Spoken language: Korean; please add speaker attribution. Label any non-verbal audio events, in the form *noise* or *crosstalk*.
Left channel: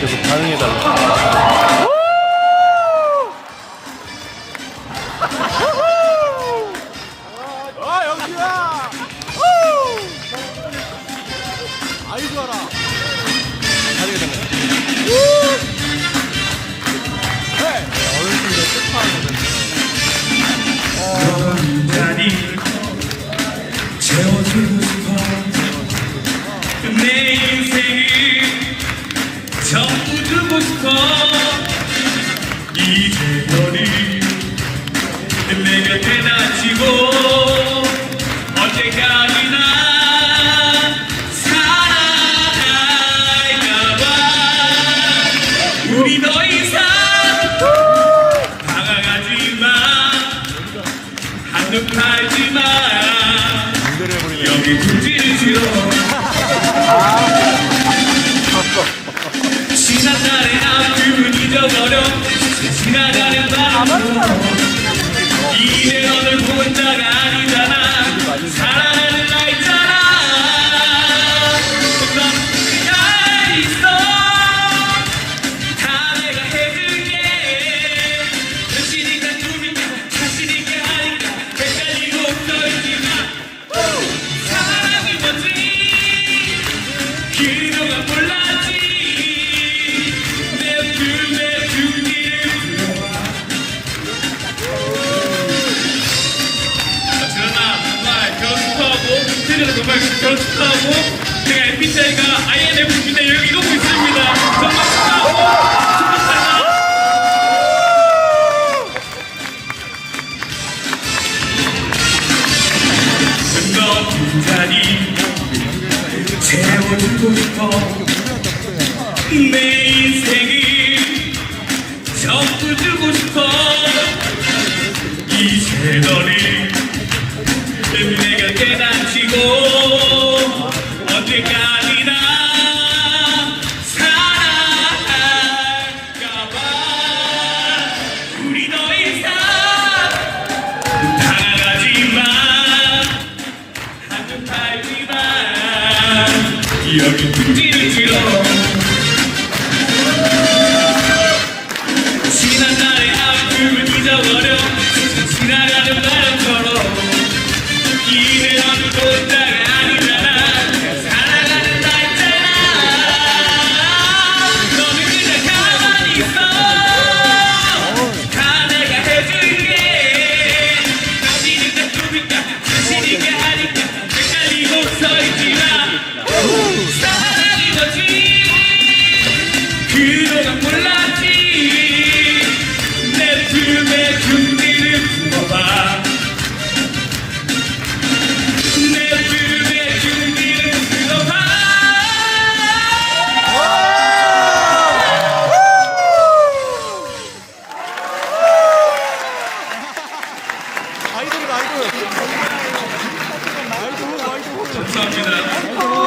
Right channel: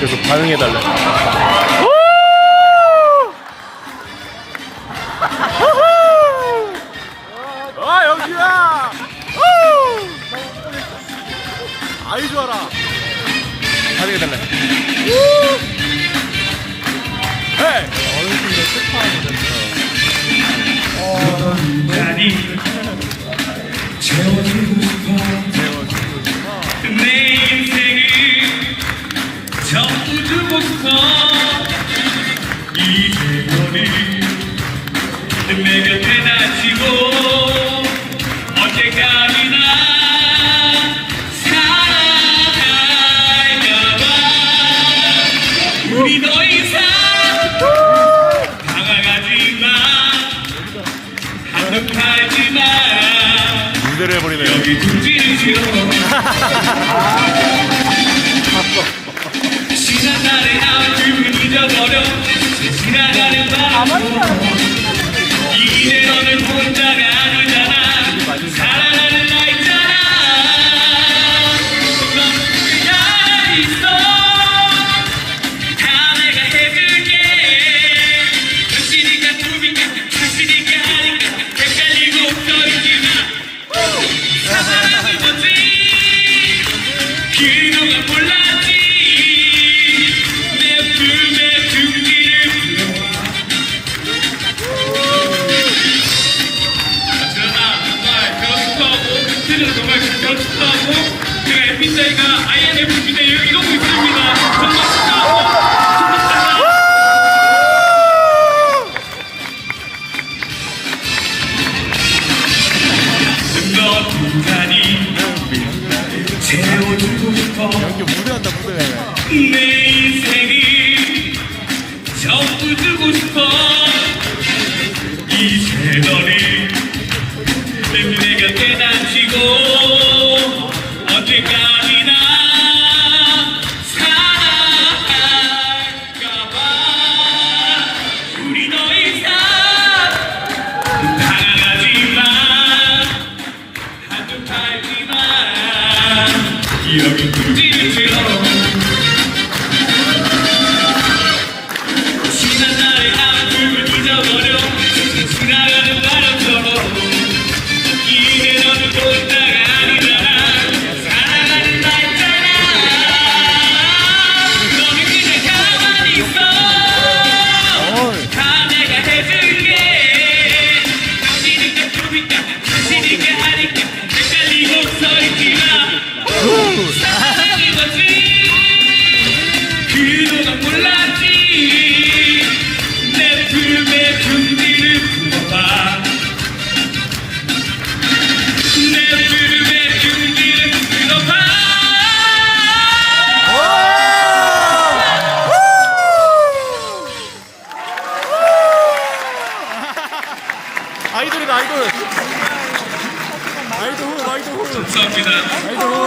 Speaker 1: 그래서 반응해달라.
Speaker 2: 아 여기야. 아이 좋아라.
Speaker 1: 반응해달라.
Speaker 2: 어른 친구들
Speaker 3: 슬퍼하거든요. 어, 니. 내 곁에 닥치고 언제까지나 살아갈까봐 우리 더 이상 다가가지마 한눈팔지마 여기 굳이지요 *laughs* 지난 날의 아픔을 잊어버려 지나가는 바람 이재명을 혼자가 DJ가 IMF 시대를 이루고 있습니다. 반갑습니다. 그 긴자리 채워주고 싶어 내 ಈ
Speaker 2: 아이돌. 아이돌 아이돌. 아이돌.